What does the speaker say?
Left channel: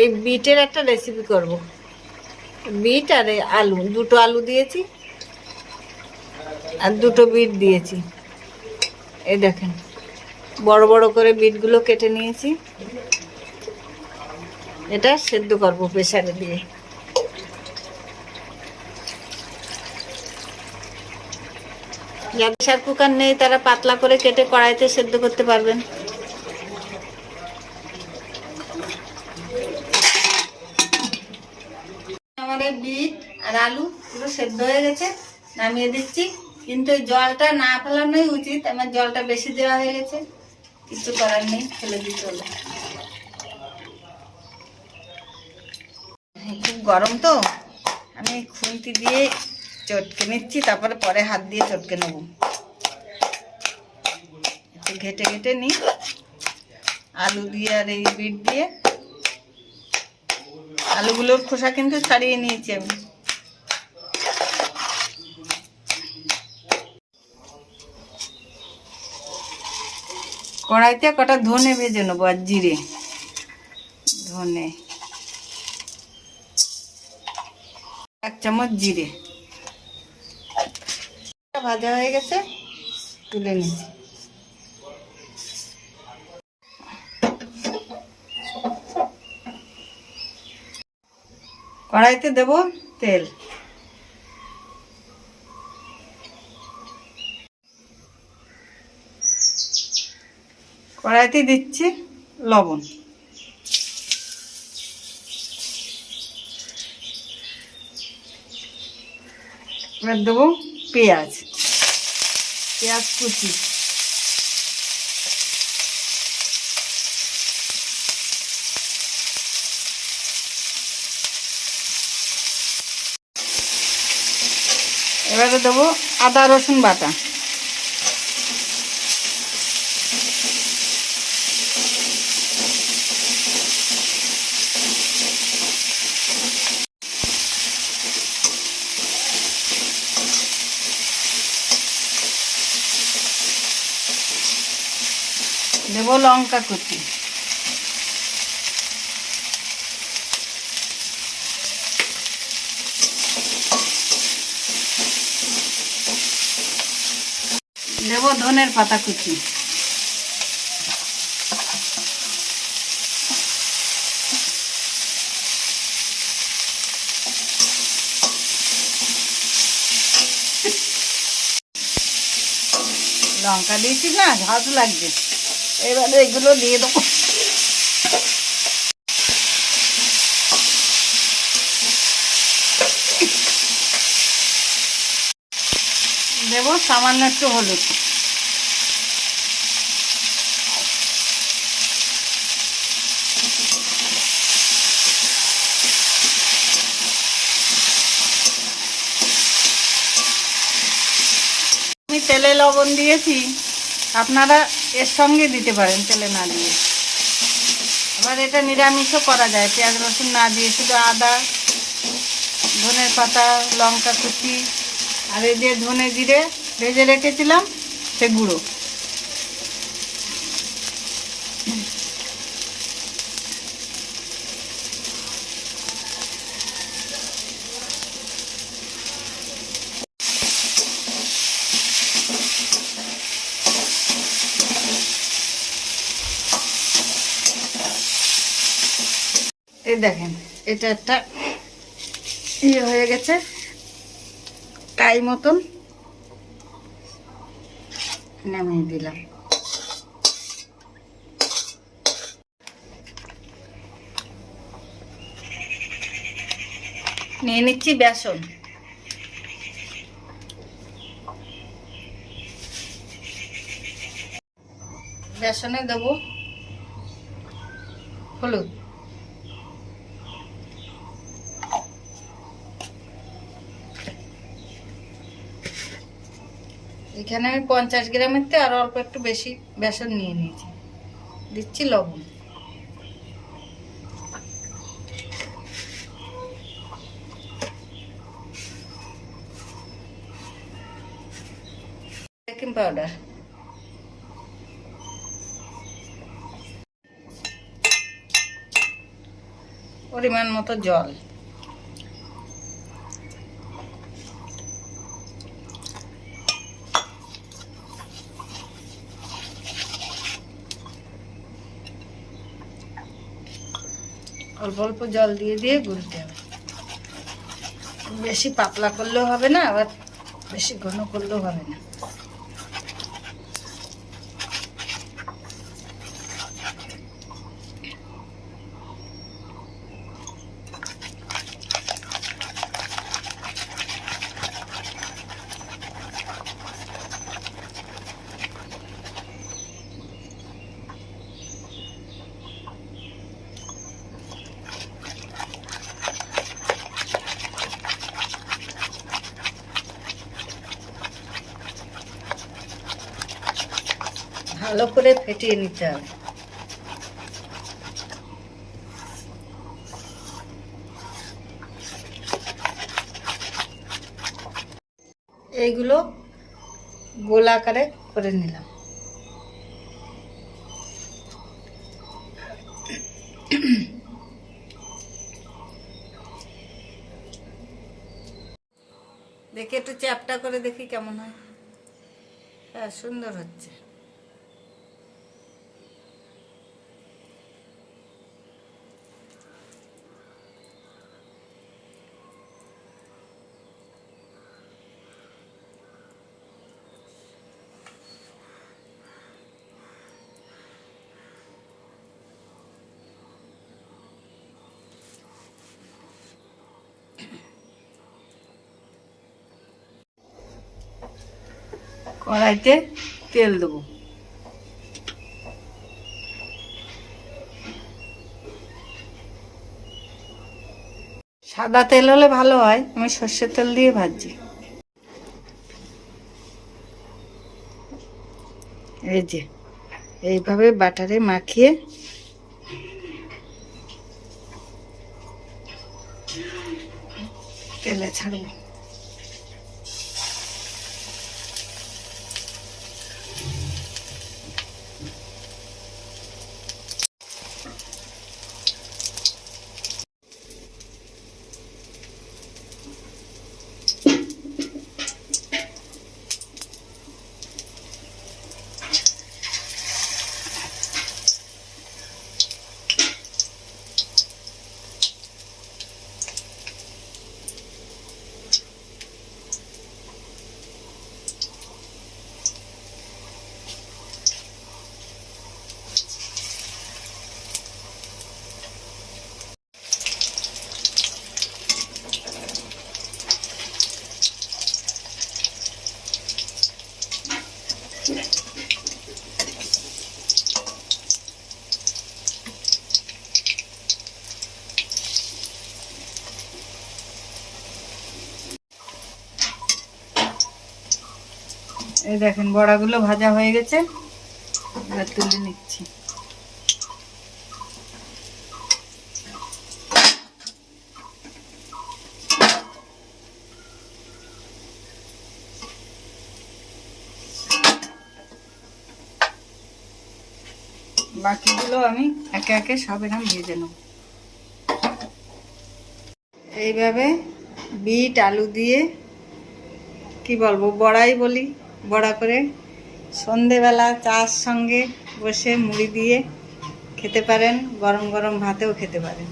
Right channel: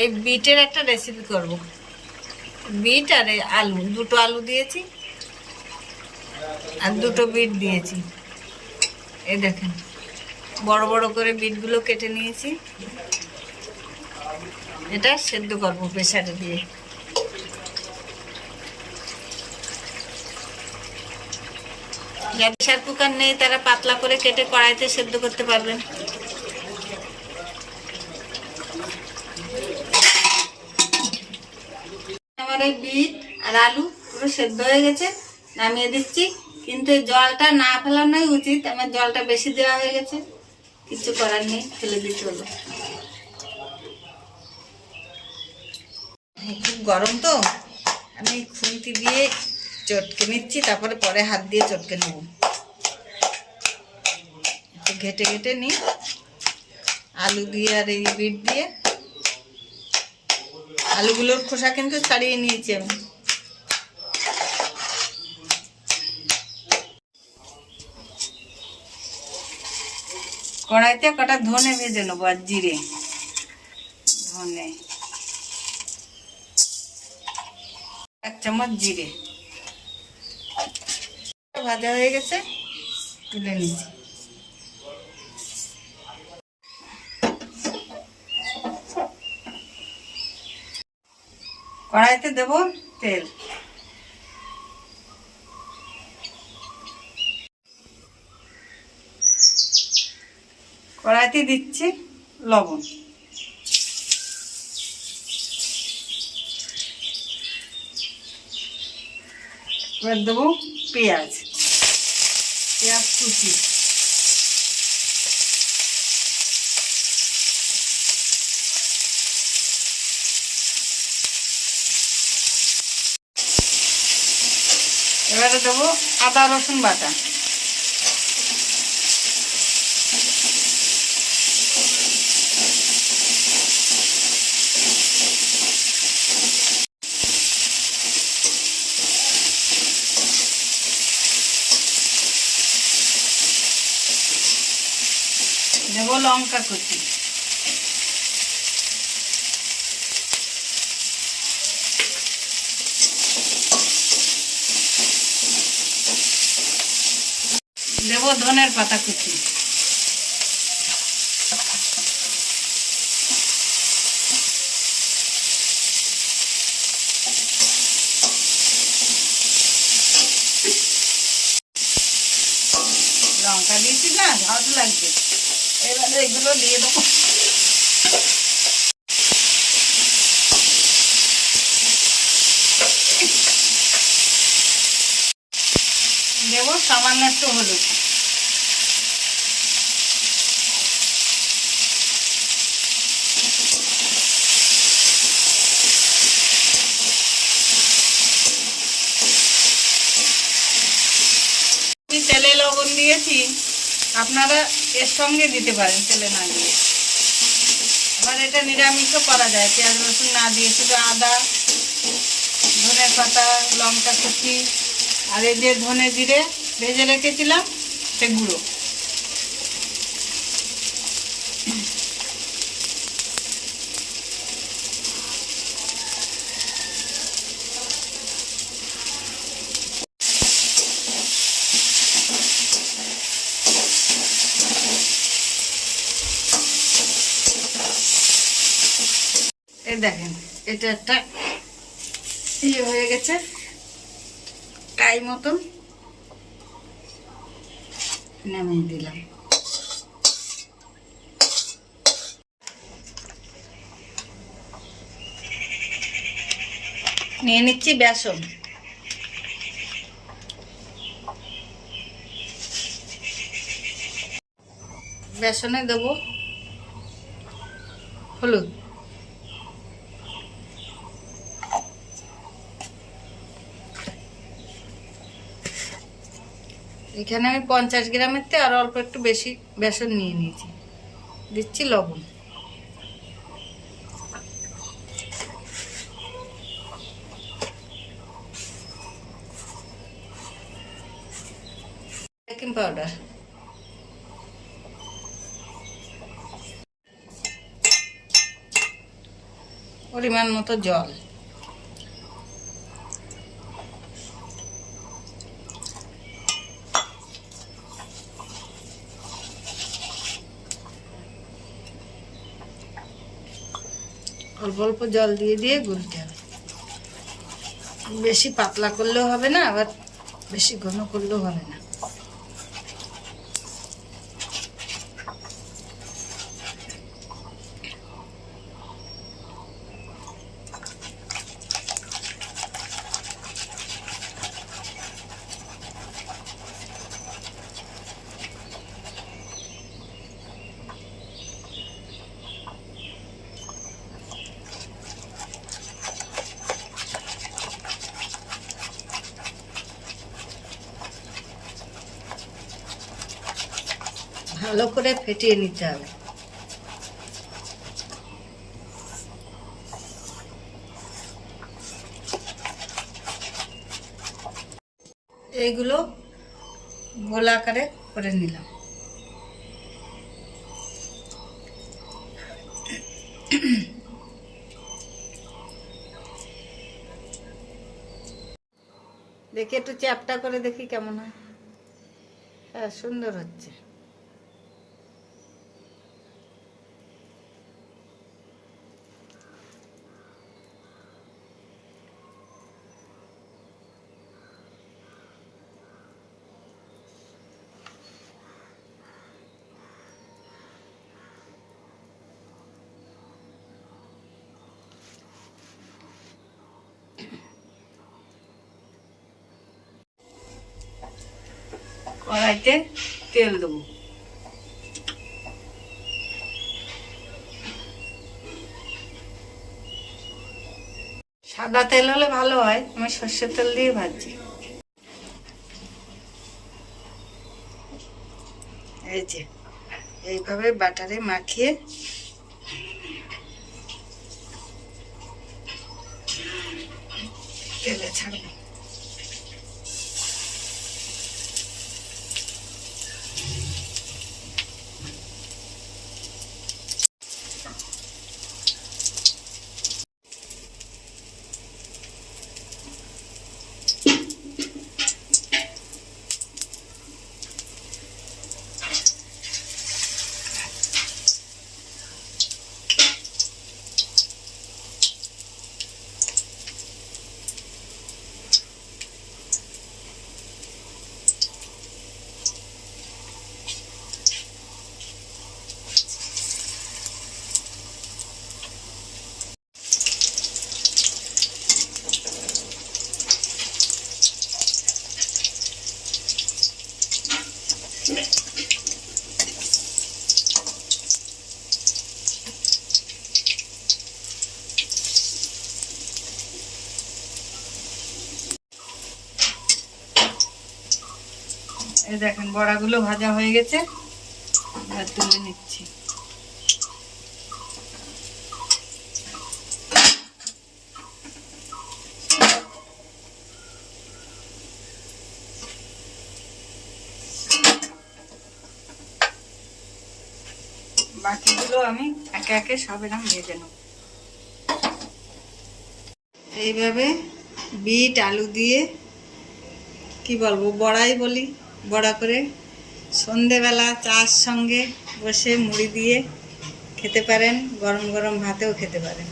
এই বিটের একটা রেসিপি করব। বিট আর এই আলু, দুটো আলু দিয়েছি আর দুটো বিট দিয়েছি। এই দেখেন, বড় বড় করে বিটগুলো কেটে নিয়েছি। এটা সেদ্ধ করব প্রেসারে দিয়ে। যাদের প্রেসার কুকার নেই তারা পাতলা করে কেটে কড়াইতে সেদ্ধ করতে পারবেন। আমার এই বিট আর আলু পুরো সেদ্ধ হয়ে গেছে, নামিয়ে দিচ্ছি। কিন্তু এই জলটা না ফেলানোই উচিত, আমার জলটা বেশি দেওয়া হয়ে গেছে, কিছু করার নেই, ফেলে দিতে হলো। খুব গরম তো, আমি খুন্তি দিয়ে চটকে নিচ্ছি, তারপরে পরে হাত দিয়ে চটকে নেব। একটু ঘেটে ঘেটে নিই আলু দিয়ে আর এই বিট দিয়ে। আলুগুলোর খোসা কিন্তু ছাড়িয়ে নিয়েছি আমি। কড়াইতে কটা ধনে ভেজে নেবো আর জিরে। ধনে 1 চামচ, জিরে ভাজা হয়ে গেছে, তুলে নিচ্ছি। কড়াইতে দেব তেল। কড়াইতে দিচ্ছি লবণ। এবার দেবো পেঁয়াজ, পেঁয়াজ কুচি। এবারে দেবো আদা রসুন বাটা। দেবো লঙ্কা কুচি। দেবো ধনের পাতা কুচি। লঙ্কা দিয়েছি না, ঝাঁজ লাগবে। এবারে এগুলো দিয়ে দেবো। দেবো সামান্য একটু হলুদ। আমি তেলে লবণ দিয়েছি, আপনারা এর সঙ্গে দিতে পারেন তেলে না দিয়ে। এবার এটা নিরামিষও করা যায়, পেঁয়াজ রসুন না দিয়ে, শুধু আদা, ধনে পাতা, লঙ্কা কুচি আর এই যে ধনে জিরে ভেজে রেখেছিলাম সে গুঁড়ো। এই দেখেন, এটা একটা ইয়ে হয়ে গেছে টাই মতন, নামিয়ে দিলাম। নিয়ে নিচ্ছি বেসন। বেসনে দেবো হলুদ, এখানে আমি 50 গ্রামের থেকে আরো অল্প একটু বেশি বেসন নিয়ে নিয়েছি। দিচ্ছি লবণ। বেকিং পাউডার, পরিমাণ মতো জল। অল্প অল্প জল দিয়ে দিয়ে গুলতে হবে। বেশি পাতলা করলেও হবে না, আবার বেশি ঘন করলেও হবে না। ভালো করে ফেটিয়ে নিতে হবে। এইগুলো গোল আকারে করে নিলাম। দেখি একটু চ্যাপটা করে দেখি কেমন হয়। হ্যাঁ, সুন্দর হচ্ছে। কড়াইতে তেল দেবো। সাদা তেল হলে ভালো হয়, আমি সর্ষের তেল দিয়ে ভাজি। এই যে এইভাবে বাটারে মাখিয়ে তেলে ছাড়বো। এই দেখেন বড়াগুলো ভাজা হয়ে গেছে, আর তুলে নিচ্ছি। বাকিগুলো আমি একে একে সব এরকম ভেজে নেব। এইভাবে বিট আলু দিয়ে, কি বলবো, বড়াই বলি, বড়া করে সন্ধেবেলা চার সঙ্গে বসে মুড়ি দিয়ে খেতে পারেন, গরম গরম ভাতেও খেতে পারেন।